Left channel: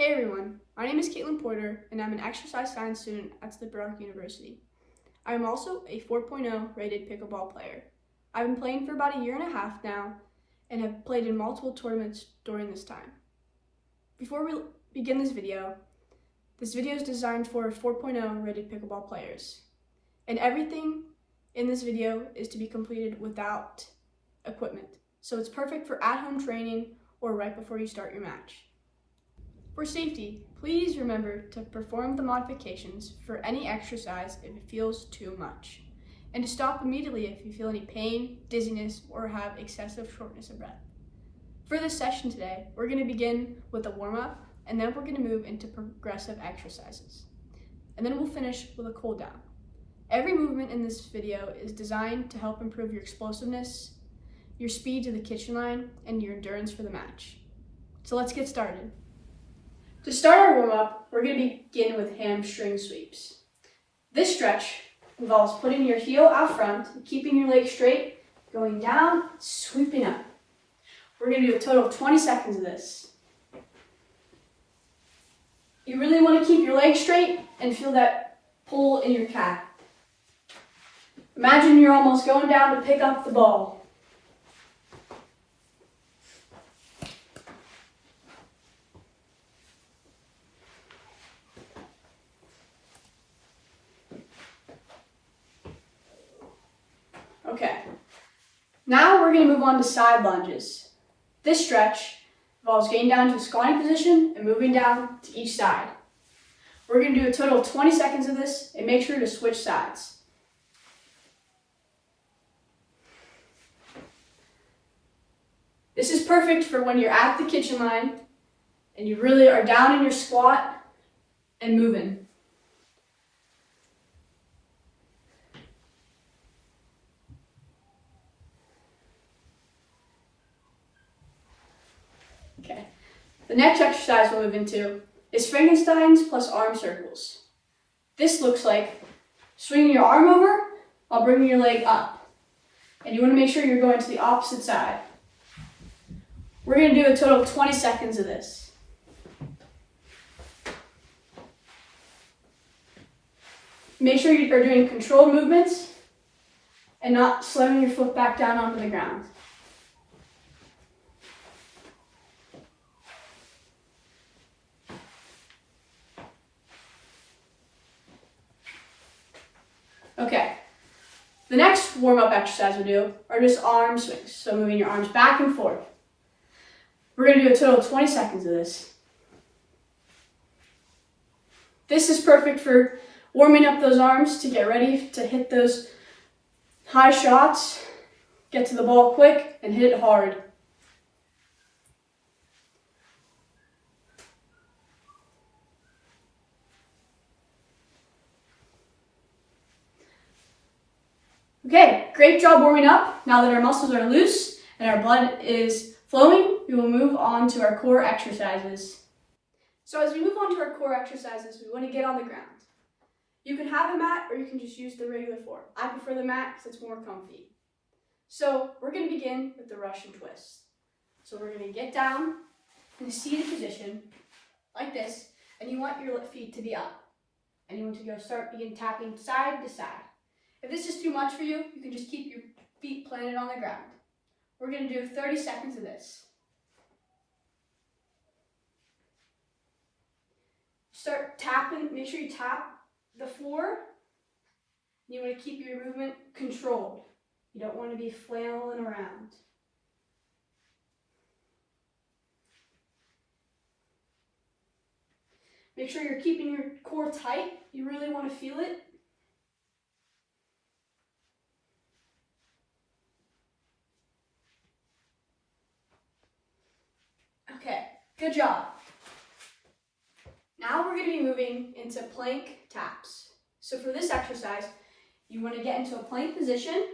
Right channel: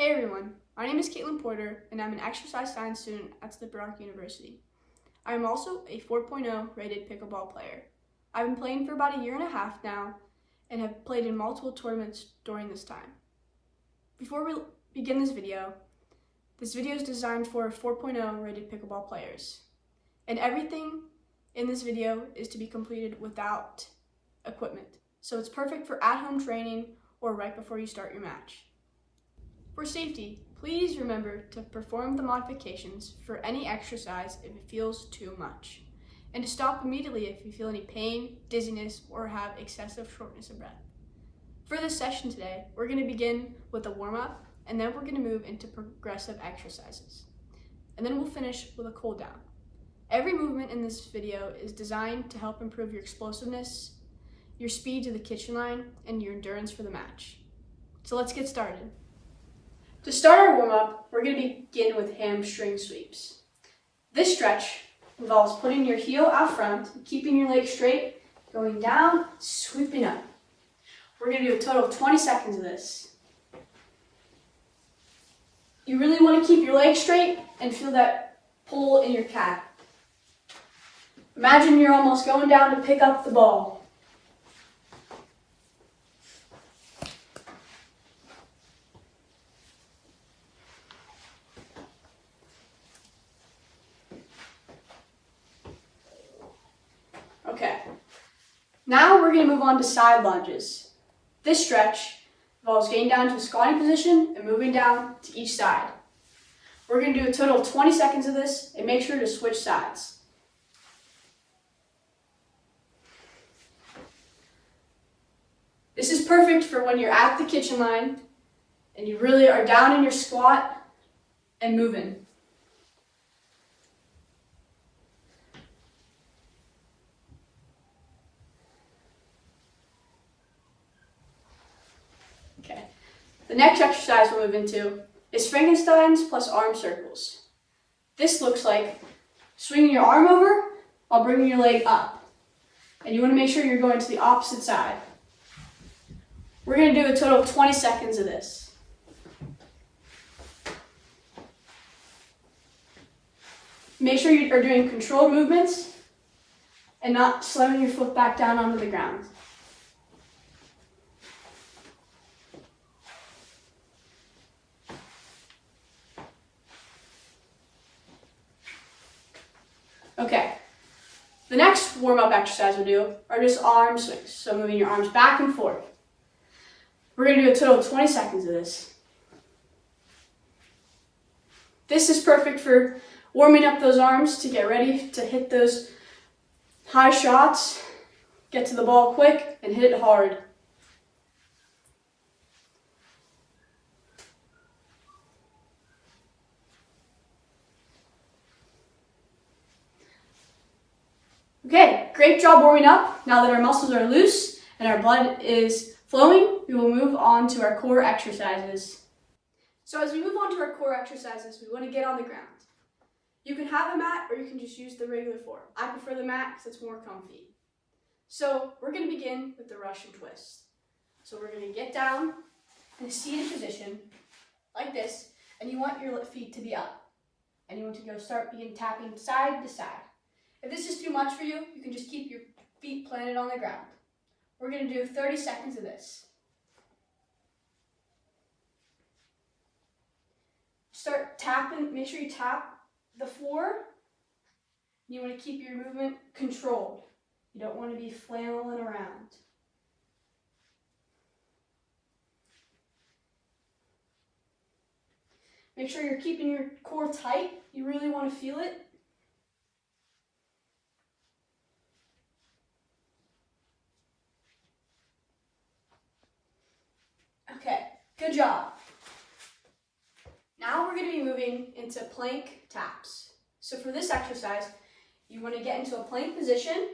Hey everyone, my name is Caitlin Porter and I'm an exercise science student at Slippery Rock University. I am also a 4.0 rated pickleball player. I've been playing for about a year and a half now and have played in multiple tournaments during this time. Before we begin this video is designed for 4.0 rated pickleball players. And everything in this video is to be completed without equipment. So it's perfect for at-home training or right before you start your match. For safety, please remember to perform the modifications for any exercise if it feels too much, and to stop immediately if you feel any pain, dizziness, or have excessive shortness of breath. For this session today, we're going to begin with a warm-up, and then we're going to move into progressive exercises. And then we'll finish with a cool down. Every movement in this video is designed to help improve your explosiveness, your speed to the kitchen line, and your endurance for the match. So let's get started. To start our warm-up, we're going to begin with hamstring sweeps. This stretch involves putting your heel out front, keeping your leg straight, going down, sweeping up. We're going to do a total of 20 seconds of this. You really want to keep your leg straight and feel that pull in your calf. Imagine you're almost going down to pick up the ball. Okay, now we're going to move on to side lunges. This stretch involves getting down to a squatting position and moving down to each side. We're going to do a total of 20 seconds of this and make sure to switch sides. This is perfect for when you're at the kitchen line and you really are down in your squat and moving. Okay. The next exercise we'll move into is Frankenstein's plus arm circles. This looks like swinging your arm over while bringing your leg up. And you want to make sure you're going to the opposite side. We're going to do a total of 20 seconds of this. Make sure you are doing controlled movements and not slamming your foot back down onto the ground. Okay, the next warm-up exercise we'll do are just arm swings, so moving your arms back and forth. We're going to do a total of 20 seconds of this. This is perfect for warming up those arms to get ready to hit those high shots, get to the ball quick, and hit it hard. Okay, great job warming up. Now that our muscles are loose and our blood is flowing, we will move on to our core exercises. So as we move on to our core exercises, we want to get on the ground. You can have a mat or you can just use the regular form. I prefer the mat because it's more comfy. So we're going to begin with the Russian twist. So we're going to get down in a seated position like this, and you want your feet to be up. And you want to begin tapping side to side. If this is too much for you, you can just keep your feet planted on the ground. We're going to do 30 seconds of this. Start tapping, make sure you tap the floor. You want to keep your movement controlled. You don't want to be flailing around. Make sure you're keeping your core tight. You really want to feel it. Okay, good job. Now we're going to be moving into plank taps. So for this exercise, you want to get into a plank position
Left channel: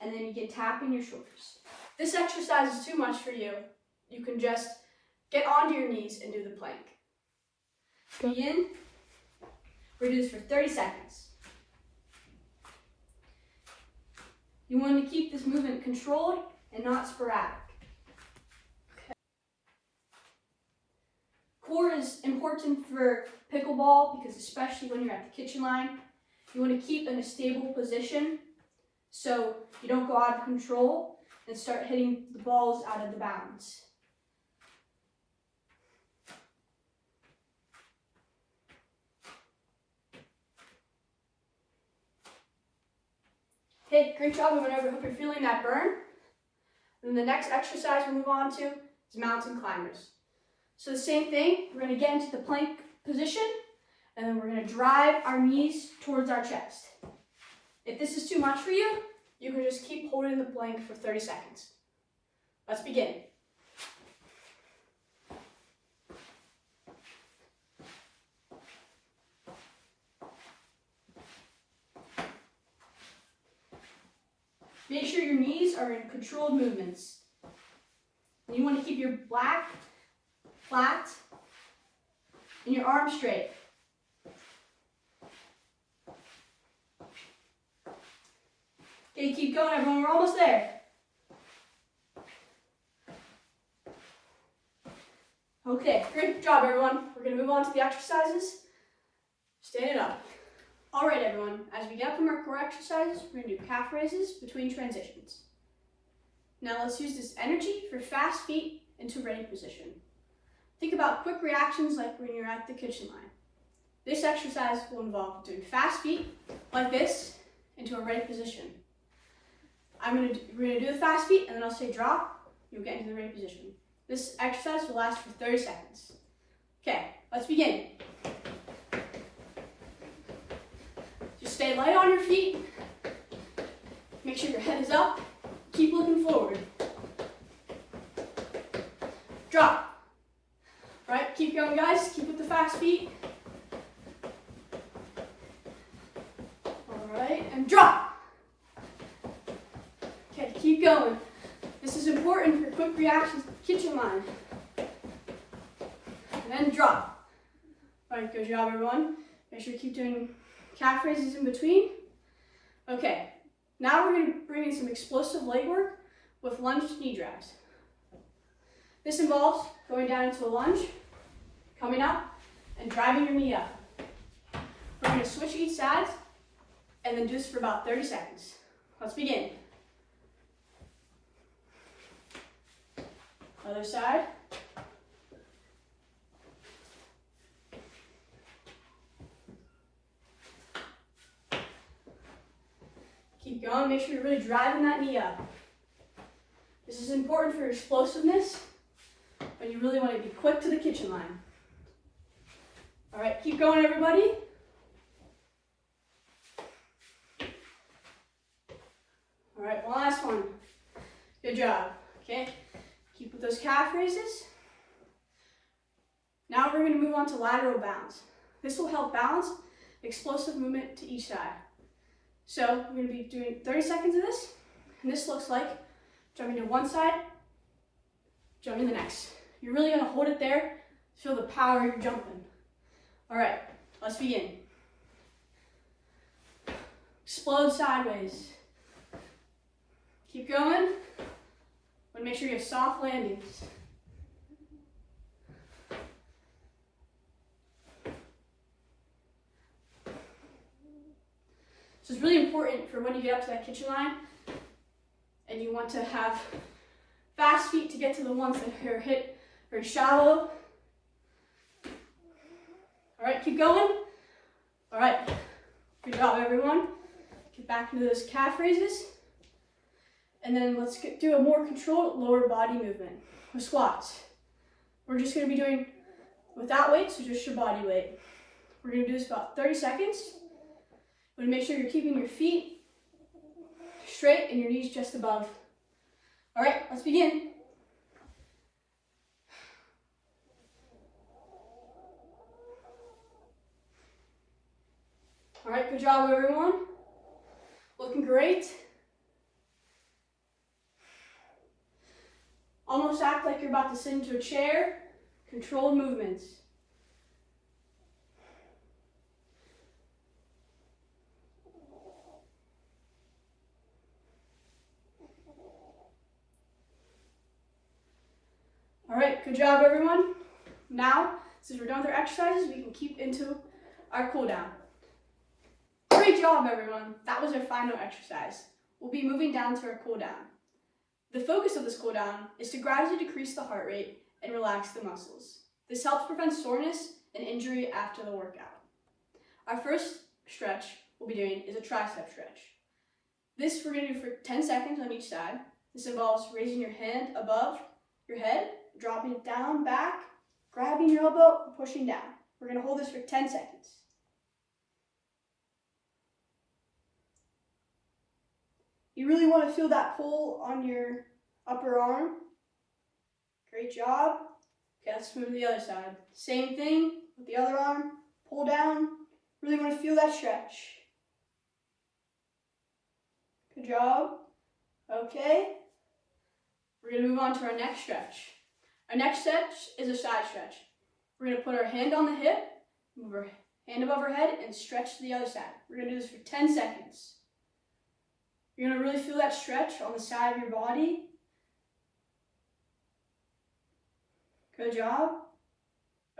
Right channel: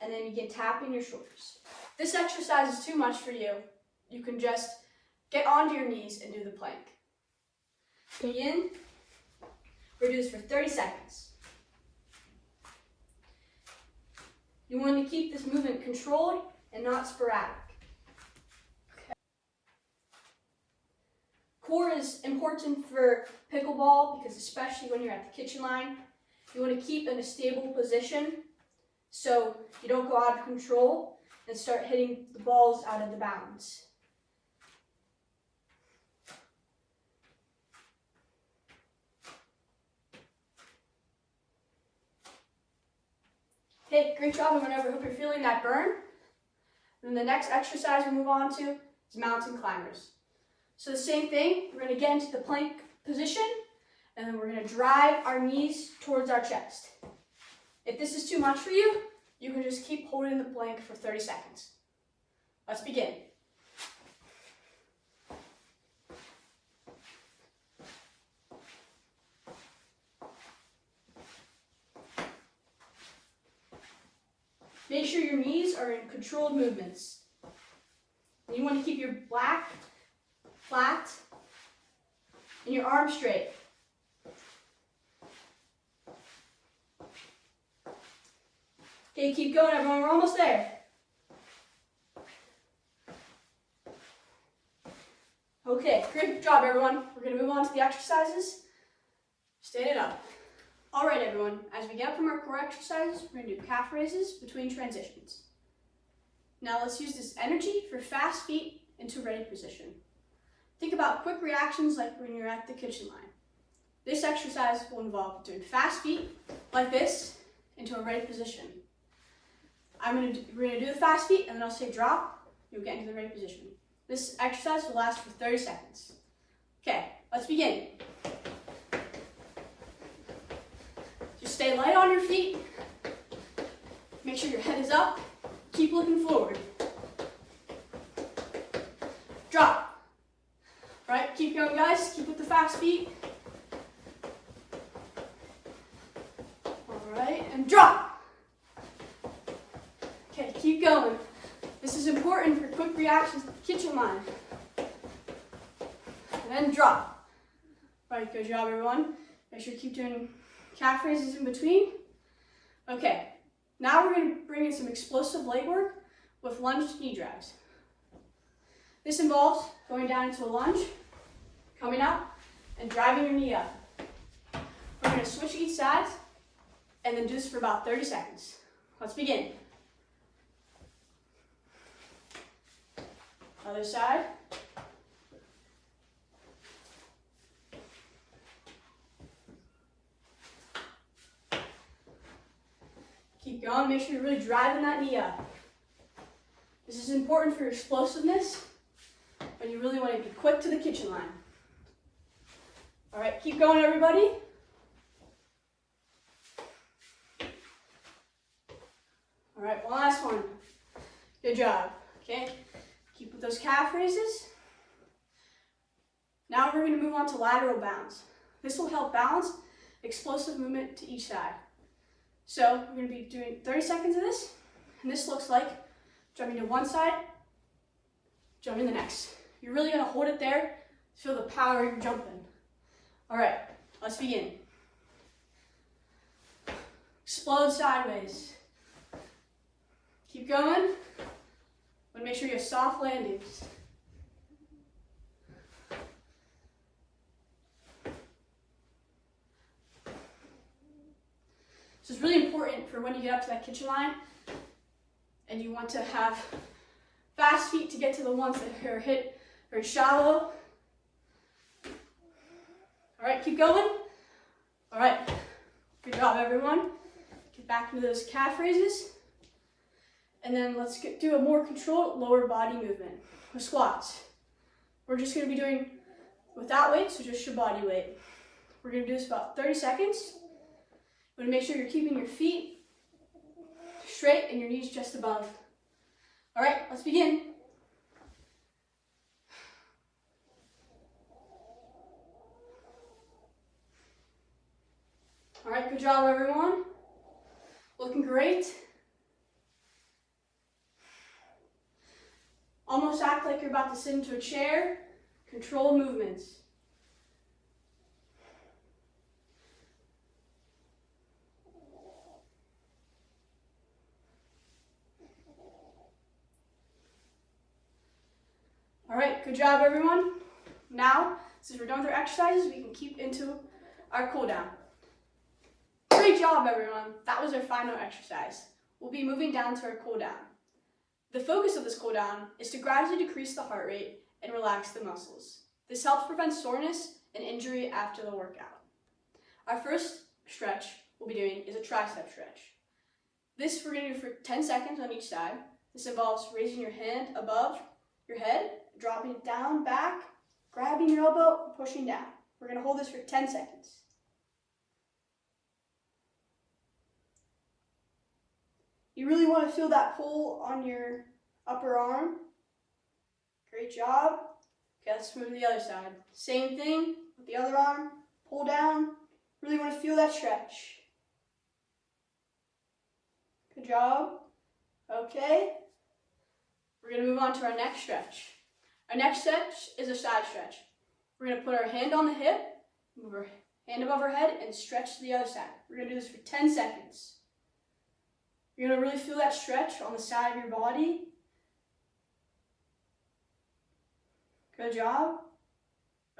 and then you get tapping your shoulders. This exercise is too much for you. You can just get onto your knees and do the plank. Begin. We're going to do this for 30 seconds. You want to keep this movement controlled and not sporadic. core is important for pickleball because especially when you're at the kitchen line, you want to keep in a stable position so you don't go out of control and start hitting the balls out of the bounds. Okay, great job everyone. I hope you're feeling that burn. And the next exercise we'll move on to is mountain climbers. So the same thing, we're going to get into the plank position and then we're going to drive our knees towards our chest. If this is too much for you, you can just keep holding the plank for 30 seconds. Let's begin. Make sure your knees are in controlled movements. And you want to keep your back flat and your arms straight. Okay, keep going everyone, we're almost there. Okay, great job everyone. We're going to move on to the exercises. Stand it up. All right, everyone, as we get up from our core exercises, we're going to do calf raises between transitions. Now let's use this energy for fast feet into ready position. Think about quick reactions like when you're at the kitchen line. This exercise will involve doing fast feet like this into a ready position. We're going to do the fast feet and then I'll say drop, you'll get into the ready position. This exercise will last for 30 seconds. Okay, let's begin. Just stay light on your feet. Make sure your head is up. Keep looking forward. Drop. All right, keep going, guys. Keep with the fast feet. All right, and drop. Okay, keep going. This is important for quick reactions to the kitchen line. And then drop. All right, good job, everyone. Make sure you keep doing calf raises in between. Okay, now we're going to bring in some explosive leg work with lunge knee drives. This involves going down into a lunge, coming up, and driving your knee up. We're going to switch each side and then do this for about 30 seconds. Let's begin. Other side. Keep going, make sure you're really driving that knee up. This is important for your explosiveness, but you really want to be quick to the kitchen line. All right, keep going, everybody. All right, one last one. Good job, okay? Keep with those calf raises. Now we're going to move on to lateral bounds. This will help balance explosive movement to each side. So we're going to be doing 30 seconds of this, and this looks like jumping to one side, jumping the next. You're really going to hold it there, feel the power you're jumping. All right, let's begin. Explode sideways. Keep going, but make sure you have soft landings. So it's really important for when you get up to that kitchen line and you want to have fast feet to get to the ones that are hit very shallow. All right, keep going. All right, good job everyone. Get back into those calf raises. And then let's do a more controlled lower body movement with squats. We're just gonna be doing without weight, so just your body weight. We're gonna do this about 30 seconds. But make sure you're keeping your feet straight and your knees just above. All right, let's begin. All right, good job, everyone. Looking great. Almost act like you're about to sit into a chair. Controlled movements. All right, good job everyone. Now, Since we're done with our exercises, we can keep into our cool down. Great job, everyone. That was our final exercise. We'll be moving down to our cool down. The focus of this cool down is to gradually decrease the heart rate and relax the muscles. This helps prevent soreness and injury after the workout. Our first stretch we'll be doing is a tricep stretch. This we're going to do for 10 seconds on each side. This involves raising your hand above your head, dropping it down, back, grabbing your elbow, and pushing down. We're going to hold this for 10 seconds. You really want to feel that pull on your upper arm. Great job. Okay, let's move to the other side. Same thing with the other arm. Pull down. Really want to feel that stretch. Good job. Okay. We're going to move on to our next stretch. Our next stretch is a side stretch. We're going to put our hand on the hip, move our hand above our head, and stretch to the other side. We're going to do this for 10 seconds. You're going to really feel that stretch on the side of your body. Good job.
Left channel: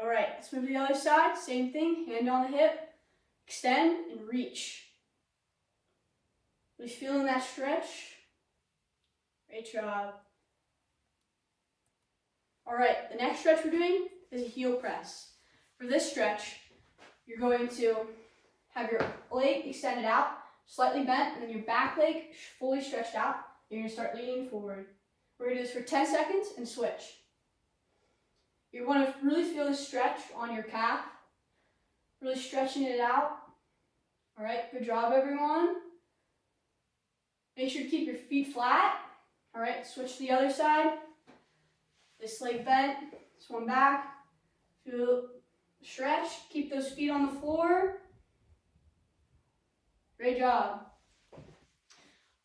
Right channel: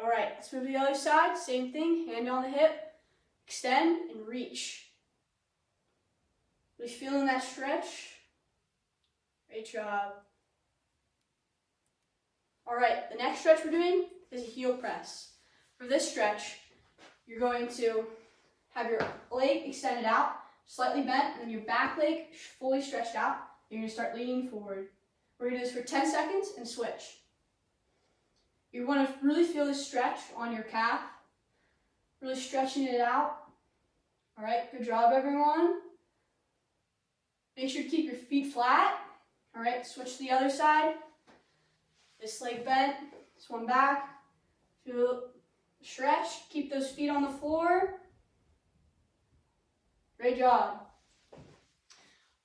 All right, let's move to the other side. Same thing, hand on the hip, extend and reach. Really feeling that stretch. Great job. All right, the next stretch we're doing is a heel press. For this stretch, you're going to have your leg extended out, slightly bent, and then your back leg fully stretched out. You're going to start leaning forward. We're going to do this for 10 seconds and switch. You want to really feel the stretch on your calf, really stretching it out. All right, good job, everyone. Make sure to keep your feet flat. All right, switch to the other side. This leg bent, this one back. Feel the stretch. Keep those feet on the floor. Great job.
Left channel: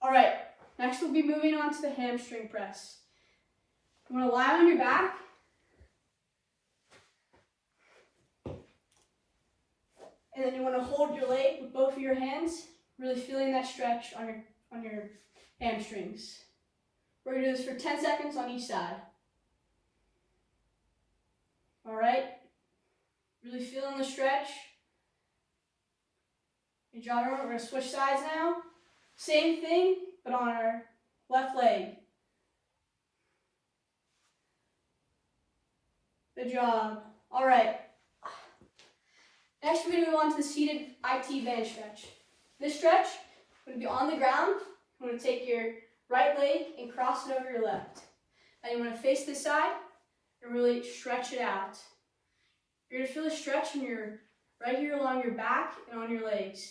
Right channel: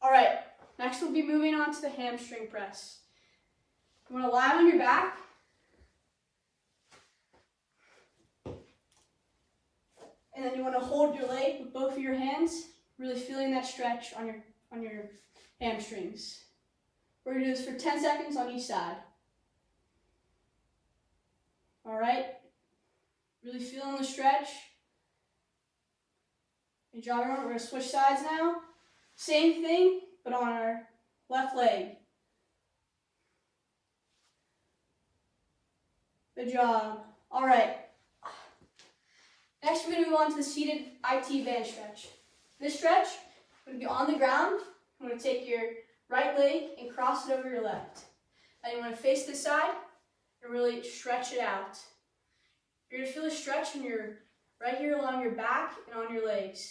All right, next we'll be moving on to the hamstring press. You want to lie on your back. And then you want to hold your leg with both of your hands, really feeling that stretch on your hamstrings. We're going to do this for 10 seconds on each side. All right, really feeling the stretch. Good job, everyone. We're going to switch sides now. Same thing, but on our left leg. Good job. All right. Next, we're going to move on to the seated IT band stretch. This stretch, we're going to be on the ground. I'm going to take your right leg and cross it over your left. Then you want to face this side and really stretch it out. You're going to feel a stretch in your right here along your back and on your legs.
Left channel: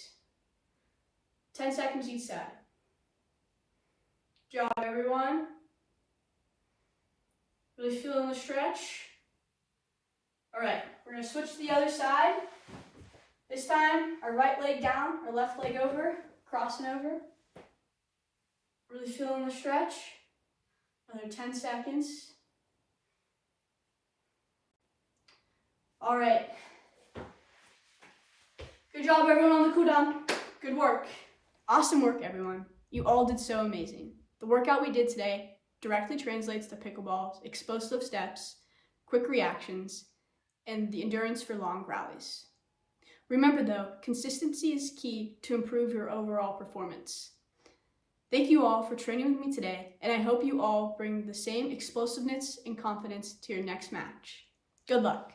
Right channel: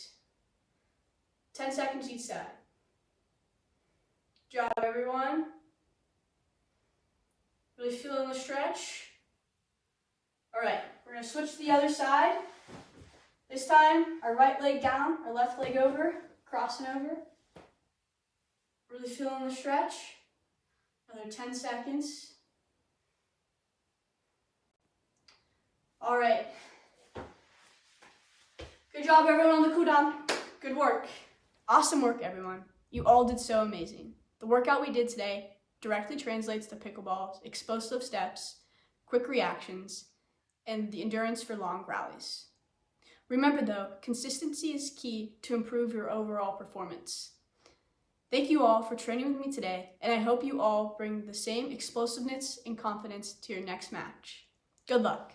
10 seconds each side. Good job, everyone. Really feeling the stretch. All right, we're going to switch to the other side. This time, our right leg down, our left leg over, crossing over. Really feeling the stretch. Another 10 seconds. All right. Good job, everyone, on the cool down. Good work. Awesome work, everyone. You all did so amazing. The workout we did today directly translates to pickleball's explosive steps, quick reactions, and the endurance for long rallies. Remember though, consistency is key to improve your overall performance. Thank you all for training with me today, and I hope you all bring the same explosiveness and confidence to your next match. Good luck.